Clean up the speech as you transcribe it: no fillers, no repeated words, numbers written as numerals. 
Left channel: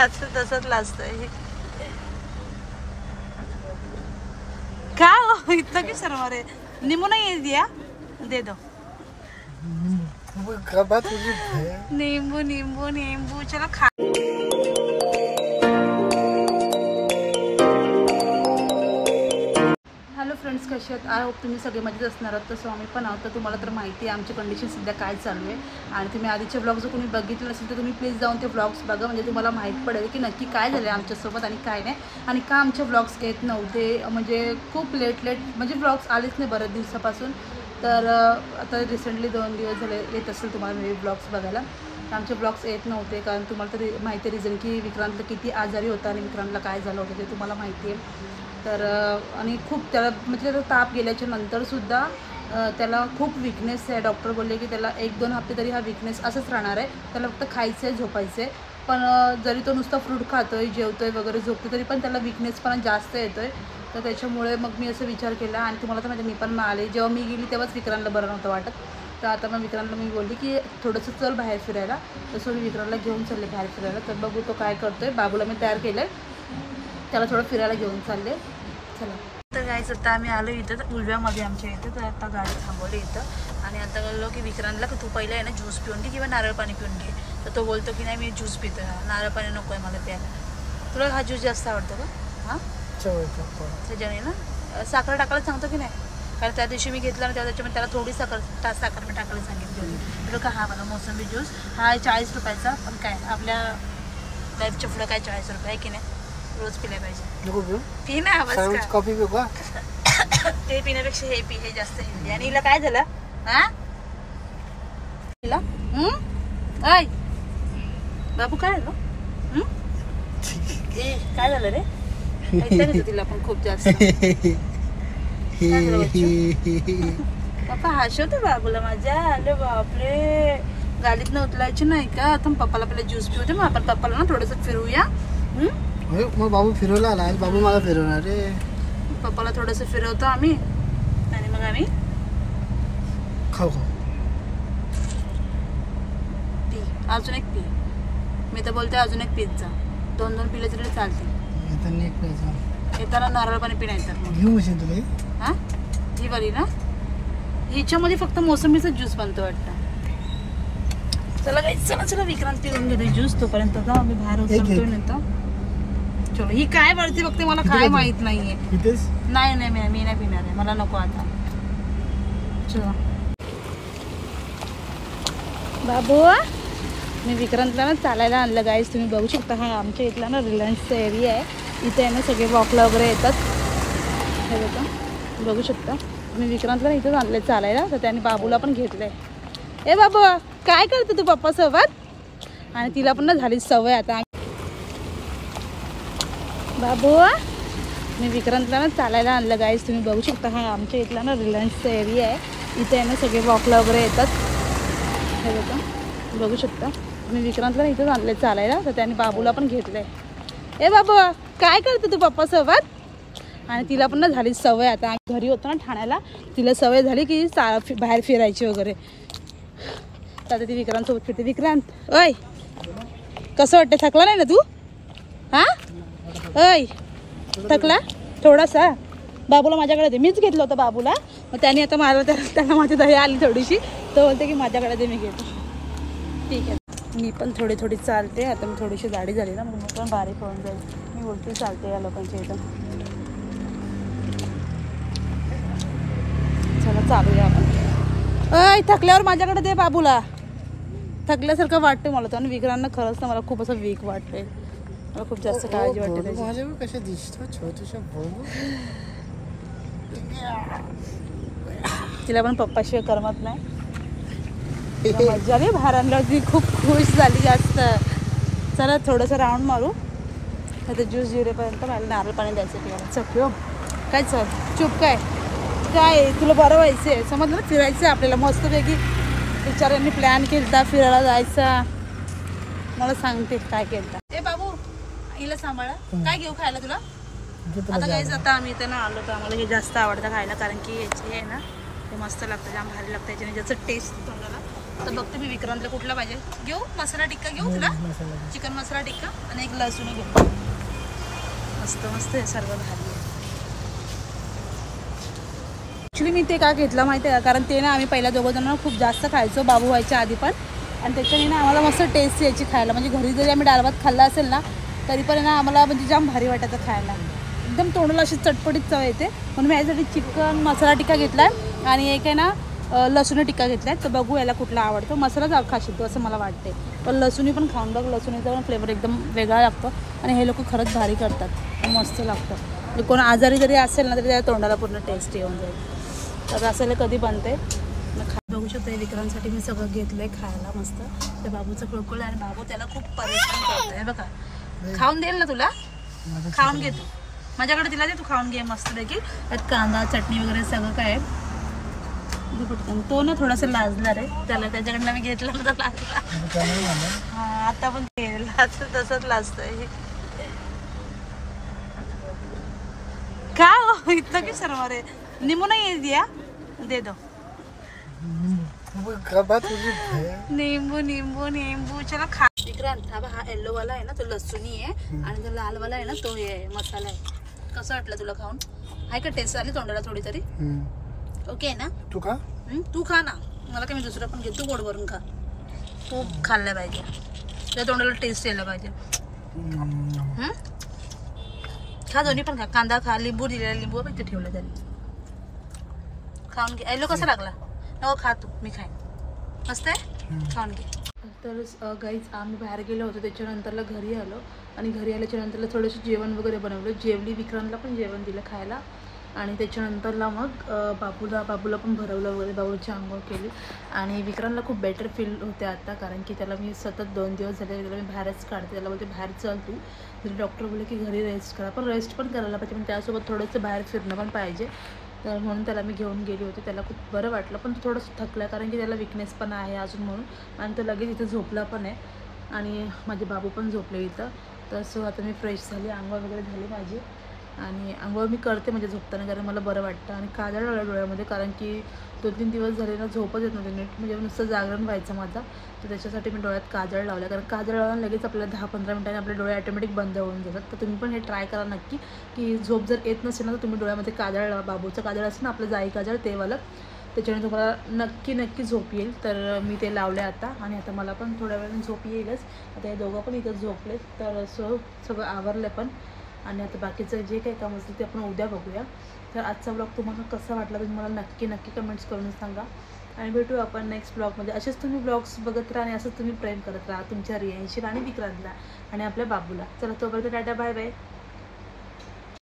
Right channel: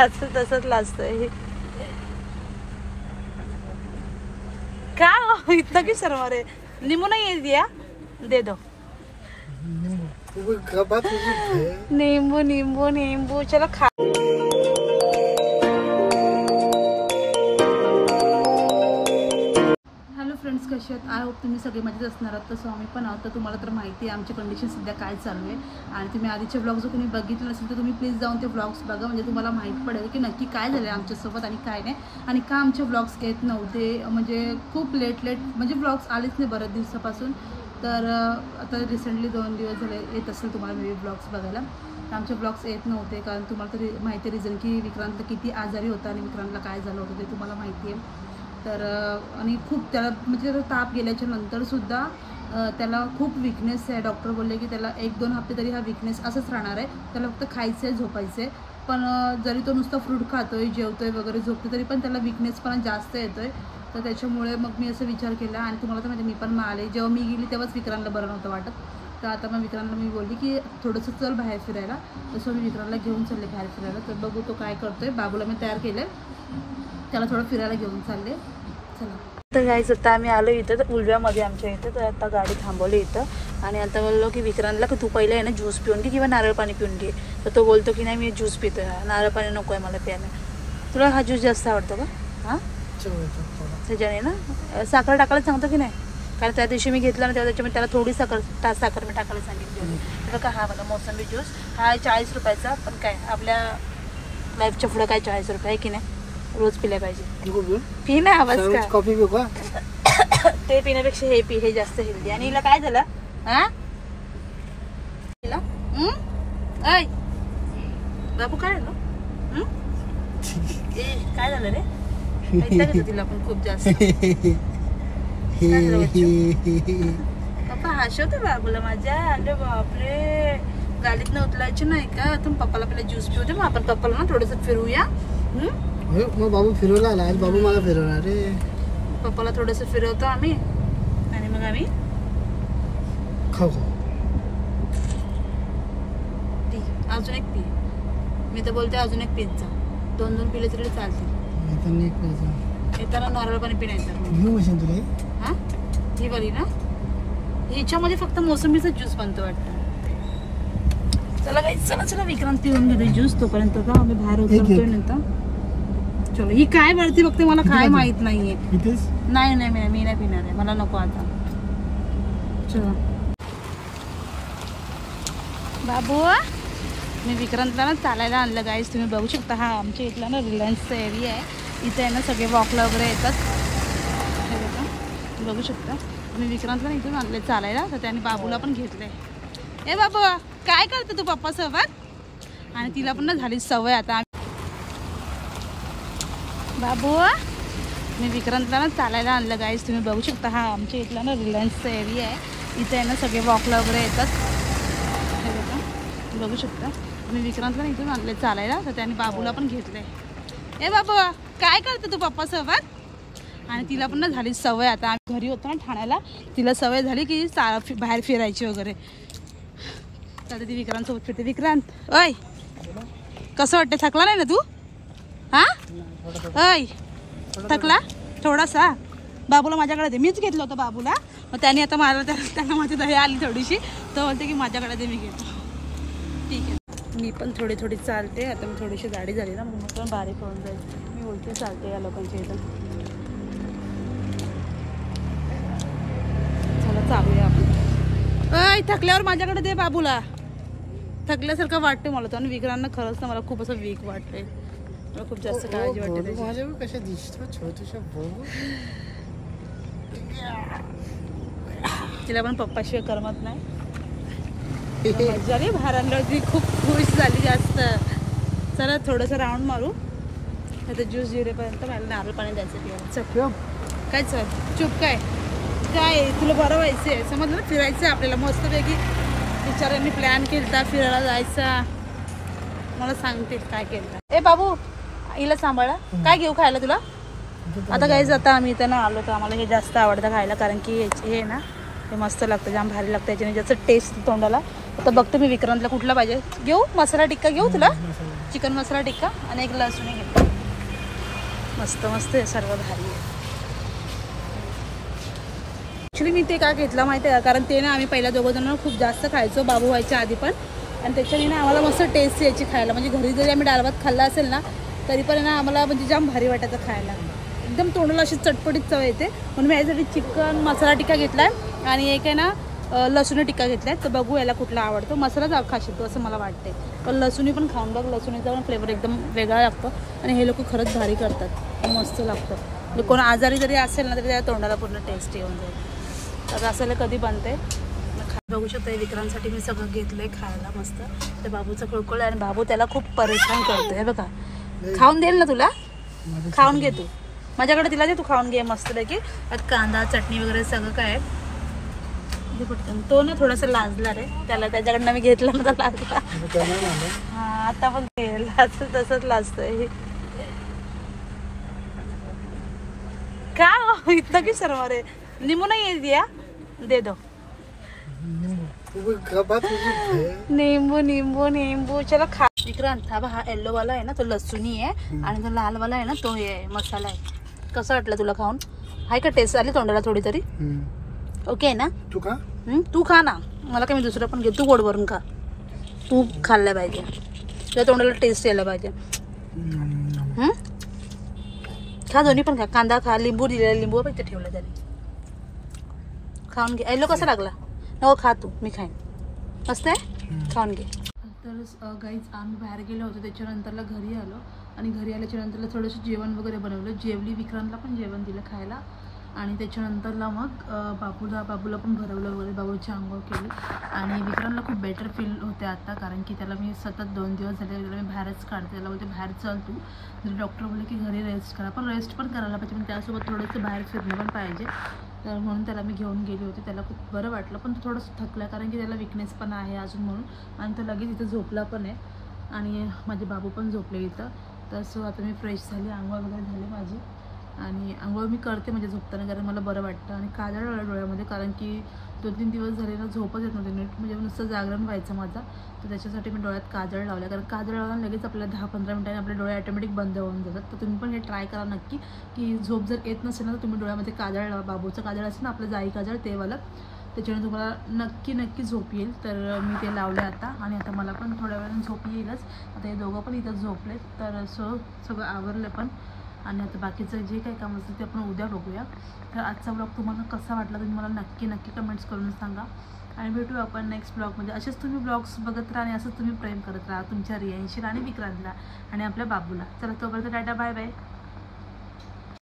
असं तसंच लाजतोय का इतना की शर्मा रे नींबू नहीं है दिया दे दो नींबू नींबू नींबू चलो खा फ्रेंड्स कसे आहेत आय होप तुम्ही सगळे मजेत असणार आहात तसं आम्ही पण आहोत. तर तुम्हाला तर माहिती आहे आमची कंडिशन सध्या काय चालू आहे आणि तुम्ही आधीचे ब्लॉग जर कोणी बघितलं असेल तर तुम्ही प्लीज जाऊन ते ब्लॉग्स बघा म्हणजे तुम्हाला माहीत पडेल की नक्की काय झालं आहे आमच्यासोबत आणि काय नाही आणि का आमचे ब्लॉग्स येत नव्हते. म्हणजे खूप लेट म्हणजे ब्लॉग्स आलेच नाही बऱ्याच दिवसापासून. तर आता रिसेंटली 2 दिवस झाले येत असेल तुम्हाला मी ब्लॉग्स बघायला. तर आमचे ब्लॉग्स येत नव्हते कारण तुम्हाला तर माहिती आहे रिझन की विक्रांतला किती आजारी होता आणि विक्रांतला काय झालं होतं ते तुम्हाला माहिती आहे. तर आणि खूप त्याला म्हणजे त्याचा ताप गेल्याच्या नंतरसुद्धा त्याला खूप विकनेस आहे. डॉक्टर बोलले की त्याला 1-2 हफ्ते तरी हा विकनेस असंच राहणार आहे. त्याला फक्त खायचं आहे झोपायचं आहे. पण जरी तो नुसता फ्रूट खातो आहे जेवतो आहे वगैरे झोपतो तरी पण त्याला विकनेसपणा जास्त येतो आहे. तर त्याच्यामुळे मग मी असं विचार केला आणि तुम्हाला तर म्हणजे मी पण आले जेव्हा मी गेली तेव्हाच विक्रांतला बरं नव्हतं वाटत. तर आता मग विक्रांतला मी बोलली की थोडंसं चल बाहेर फिरायला. तसं मी विक्रांतला घेऊन चालले बाहेर फिरायला. तर बघू तो काय करतो आहे. बाबूला मी तयार केलं आहे त्याला थोडं फिरायला घेऊन चालले. चला तर यायचं होतं आम्ही आलो इथं उलव्यामध्ये आमच्या इथे. तर आता गाडी थांबवली इथं आणि आता बोललो की विक्रांतला की तू पहिले आहे ना ज्यूस पिऊन घे किंवा नारळ पाणी पिऊन घे. तर तो बोलतो की नाही मी ज्यूस पितो ना नारळ पाणी नको आहे मला प्यायला. तुला हा ज्यूस जास्त आवडतो का? हां त्याच्याने ना साखर टाकायला सांगतो की नाही कारण त्या दिवशी मी घेतलं ना तेव्हा त्याच्यामध्ये त्याला थोडी साखर मी टाकायला सांगितली होती. मग हा बघा मोसंबी ज्यूस हा 40 रुपयाचा. पण काय आपल्या लाईफच्या पुढं काय 40 रुपये आहे की नाही रोज पिल्या पाहिजे. पी ना बस कॉफी पिऊ का ते पिण्यापेक्षा हे पी हे जास्त हेल्दी. आणि हिला काय झालं हा हिला ऐ बाबू काय झालं काय झालं रे घेतो तिला पण खूप जास्त काय झालं बच्चू पप्पा हसवतो बाबूला माझ्या. अरे बापरे गाडीतनं उतरायची नाही का आता पप्पाला पहिला ज्यूस पिवते मग आपण पप्पाला ना थोडंसं फिरूया. मग बाबू फिरवला आला बाबू मला फिरवणार रे. पप्पाला थोडंसं फिरवतो आम्ही आणि मग आम्ही खाऊ पी अजून एक पी. मी तर बोलते अजून एक पिझ्झा 2 पिले तरी चालतील. येताना नारळ पाणी पिण्याचं हा ही वाली ना हिच्यामध्ये फक्त मोसंबीचा ज्यूस बनतो वाटतं. चला काही चला विक्रांत पिऊन घेते ज्यूस तोपर्यंत का आम्ही बाहेर उतरतोय नंतर. चलो ही काय वरती बघते मला काय माहित नाहीये. नाही मी नाही पिणार आहे मला नको आता. चला बाबू मी विक्रांतला ना चालायला आणलं गाईस. तुम्ही बघू शकता हा आमच्या इथला ना रिलायन्सचा एरिया आहे. इथे आहे ना सगळे वॉकला वगैरे येतात हे बघा बघू शकता. मी विक्रांतला इथेच आणलं चालायला तर त्याने बाबूला पण घेतलंय. ए बाबू काय करतो तू पप्पासोबत आणि तिला पण ना झाली सवय आता. बाबू मी विक्रांतला ना चालायला आणलं गाईस. तुम्ही बघू शकता हा आमच्या इथला ना रिलायन्सचा एरिया आहे. इथे आहे ना सगळे वॉकला वगैरे येतात हे बघा बघू शकता. मी विक्रांतला इथेच आणलं चालायला तर त्याने बाबूला पण घेतलंय. ए बाबू काय करतो तू पप्पासोबत आणि तिला पण ना झाली सवय आता. आम्ही घरी होतो ना ठाण्याला तिला सवय झाली की बाहेर फिरायची वगैरे. तर आता ती विक्रांतसोबत फिरते. विक्रांत ओय कसं वाटतं थकला नाही ना तू हा ओय थकला थोडासा? बाबूला माझ्याकडे दे. मीच घेतलं होतं बाबूला मग त्याने आता मला त्यांना माझी दही आली थोडीशी तो बोलते की माझ्याकडे दे मी घेतो. ठीक आहे मी पण थोडी चालते. आता मी थोडीशी जाडी झाली ना मग पण बारीक होऊन जाईल. मी बोलते चालते या लोकांच्या इथं. चला चालूया आपण. अय थकल्यावर माझ्याकडे दे बाबूला. थकल्यासारखं वाटतं मला तो. आणि विक्रांना खरंच ना मला खूप असं वीक वाटतंय. मला खूप जास्त काळजी वाटते. तिला पण पप्पाशिवाय करमत नाही. मजा रे बाहेर आणलं ती खूप खुश झाली जास्त. चला थोडंसं राऊंड मारू आता ज्यूस जिरेपर्यंत. मला नारळ पाणी द्यायचं तिला. चल काय चल चुप काय तुला बरं व्हायचं आहे समजलं ना. फिरायचं आपल्याला मस्तपैकी बिचाऱ्यांनी प्लॅन केलता फिरायला जायचा. मला सांगते काय केलता. ए बाबू हिला सांभाळा. काय घेऊ खायला तुला आता काय जाता आम्ही इथं ना आलो तर आम्हाला हे जास्त आवडतं खायला कारण की हे ना ते मस्त लागतं जाम भारी लागतं. याच्याने जास्त टेस्ट तोंडाला आता बघते मी विक्रांतला कुठला पाहिजे. घेऊ मसाला टिक्का घेऊ तुला, चिकन मसाला टिक्का आणि एक लसूण घेऊ. मस्त मस्त आहे, सर्व भारी आहे. ॲक्च्युली मी ते का घेतलं माहिती आहे का, कारण ते ना आम्ही पहिल्या दोघं जण खूप जास्त खायचो बाबू व्हायच्या आधी पण, आणि त्याच्याने ना आम्हाला मस्त टेस्ट यायची खायला. म्हणजे घरी जरी आम्ही डाळ भात खाल्ला असेल ना तरी पण ना आम्हाला म्हणजे जाम भारी वाटायचं खायला, एकदम तोंडाला अशी चटपटीत चव येते. म्हणून मी यासाठी चिकन मसाला टिक्का घेतला आहे आणि एक आहे ना लसूण टिक्का घेतला आहे. तर बघू याला कुठला आवडतो. मसालाच खाशील तो असं मला वाटते, पण लसूणी पण खाऊन बघ, लसूणीचा पण फ्लेवर एकदम वेगळा लागतो आणि हे लोक खरंच भारी करतात, मस्त लागतं. कोण आजारी जरी असेल ना तरी त्या तोंडाला पूर्ण टेस्ट येऊन जाईल. तर असं कधी बनते बघू शकतो. विक्रांतसाठी मी सगळं घेतलंय खायला मस्त. त्या बाबूचं खळखळ आणि बाबू त्याला खूप परेशान करतोय बघा. खाऊन देईल ना तुला, खाऊन घे तू माझ्याकडे, तिला दे तू खाऊन घे मस्तपैकी. त्यात कांदा चटणी वगैरे सगळं काय पटकन. तो ना थोडासा लाजला रे, त्याला त्याच्याकडनं मी घेतला मला लाजला. हा आता पण तसंच लाजतोय. का इतकं की शर्मा रे, निमू नाही दिया दे दो. नींबू नींबू नींबू चला खा. विक्रांत हा येल्लो वाला आहे ना तो लसूणी आहे आणि जो लाल वाला आहे ना तो आहे मसाला आहे. कसं वाटलं तुला खाऊन? आहे का टेस्ट आली तोंडाला थोडी तरी? ओके आहे ना? तू खा. तू खा ना, मला काय मी दुसरं पण घे, तू गोड भरून खा. तू खाल्लं पाहिजे, तुझ्या तोंडाला टेस्ट यायला पाहिजे. खा दोन्ही पण खा, कांदा खा, लिंबू दिलेला, लिंबू पण ठेवलं त्याने. खाऊन घे. येल्लो कसा लागला? नको खा तू, मी खाईन. मस्त आहे, खाऊन घे. तर गाईज आम्ही बाहेर गेलो होतो, त्याच्यानंतरला घरी आलो आणि घरी आल्याच्या नंतरला थोडंसं जेवण वगैरे बनवलं. जेवली, विक्रांतला पण जेवण दिलं खायला आणि त्याच्यानंतरला मग बाबूला पण भरवलं वगैरे, बाबूची आंघोळ केली आणि विक्रांतला खूप बेटर फील होते आता, कारण की त्याला मी सतत 2 दिवस झाले त्याला मी बाहेरच काढते. त्याला बोलते बाहेर चल तू, तरी डॉक्टर बोलले की घरी रेस्ट करा, पण रेस्ट पण करायला पाहिजे, पण त्यासोबत थोडंसं बाहेर फिरणं पण पाहिजे. तर म्हणून त्याला मी घेऊन गेली होती. त्याला खूप बरं वाटलं, पण तो थोडंसं थकला कारण की त्याला विकनेस पण आहे अजून म्हणून, आणि तो लगेच इथं झोपला पण आहे आणि माझे बाबू पण झोपले इथं. तर सो आता मी फ्रेश झाली, आंघोळ वगैरे झाली माझी, आणि आंघोळ मी करते म्हणजे झोपताना, कारण मला बरं वाटतं. आणि काजळ लावलं डोळ्यामध्ये, कारण की 2-3 दिवस झाले ना झोपच येत नव्हते नीट, म्हणजे नुसतं जागरण व्हायचं माझं. तर त्याच्यासाठी मी डोळ्यात काजळ लावलं, कारण काजळ लावून लगेच आपल्याला 10-15 मिनिटांनी आपले डोळे ऑटोमॅटिक बंद होऊन जातात. तर तुम्ही पण हे ट्राय करा नक्की, की झोप जर येत नसेल ना तर तुम्ही डोळ्यामध्ये काजळ लावा. बाबूचं काजळ असेल ना आपलं जाई काजळ ते वालं, त्याच्याने तुम्हाला नक्की झोप येईल. तर मी ते लावले आता, आणि आता मला पण थोड्या वेळाने झोप येईलच. आता हे दोघं पण इथं झोपलेत, तर सगळं आवरलं पण, आणि आता बाकीचं जे काही काम असतं ते आपण उद्या बघूया. तर आजचा ब्लॉग तुम्हाला कसा वाटला तुम्ही मला नक्की कमेंट्स करून सांगा, आणि भेटू आपण नेक्स्ट ब्लॉगमध्ये. असेच तुम्ही ब्लॉग्स बघत राहा आणि असंच तुम्ही प्रेम करत राहा तुमच्या रियांशीला आणि विक्रांतला आणि आपल्या बाबूला. चला तोपर्यंत टाटा बाय बाय.